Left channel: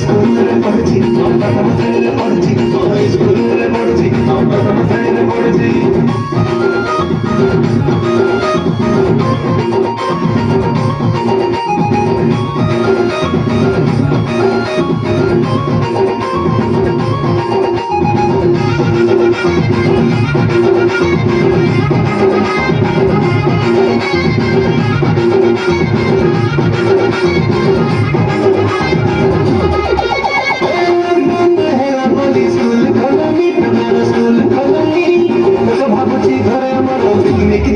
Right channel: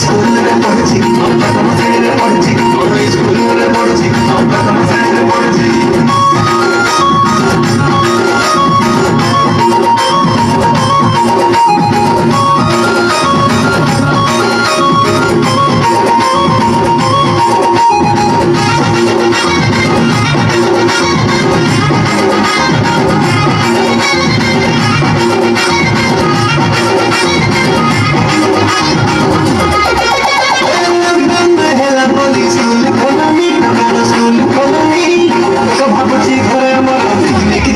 স্কুলে পড়ছি প্রথম শ্রেণীতে পড়ছি স্কুলে পড়ছি প্রথম শ্রেণীতে পড়ছি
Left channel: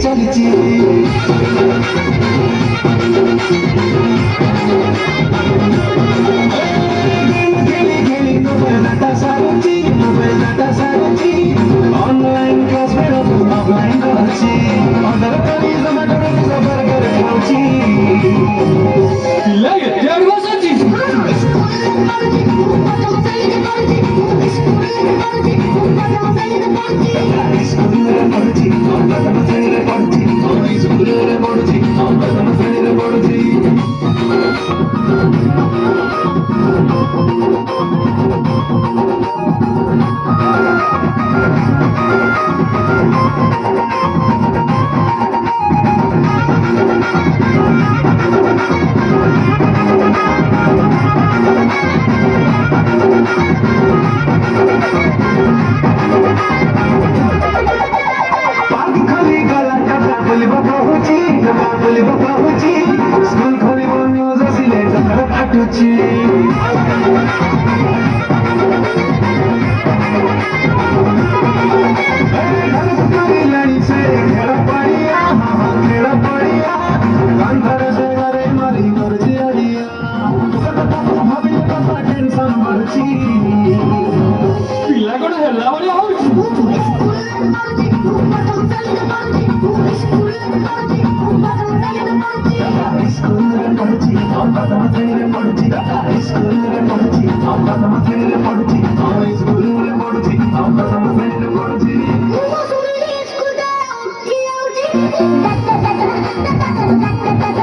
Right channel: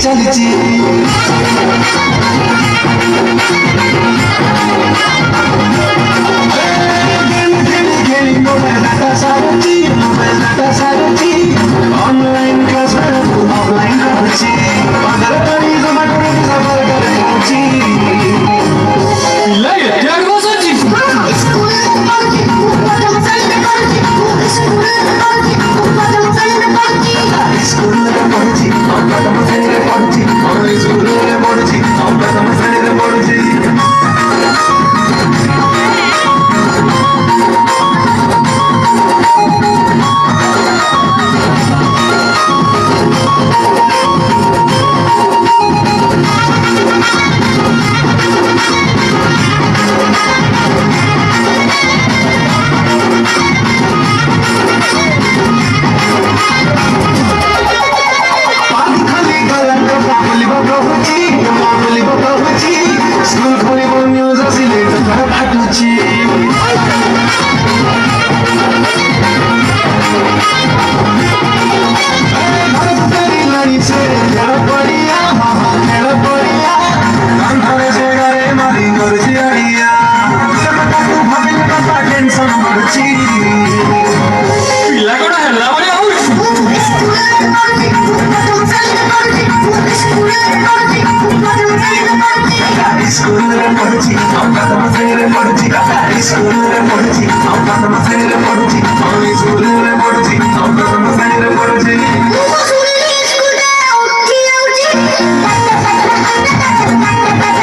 চালিছি খেলি মোবাইল ডাটা সারছি অনলাইন ক্লাস অফলাইন করছি বাজার করি জমা করে সফর করে পৌঁছি স্কুলে পড়ছি প্রথম শ্রেণীতে পড়ছি স্কুলে পড়ছি প্রথম শ্রেণীতে পড়ছি স্কুলে পড়ছি প্রথম শ্রেণীতে পড়ছি Thank you.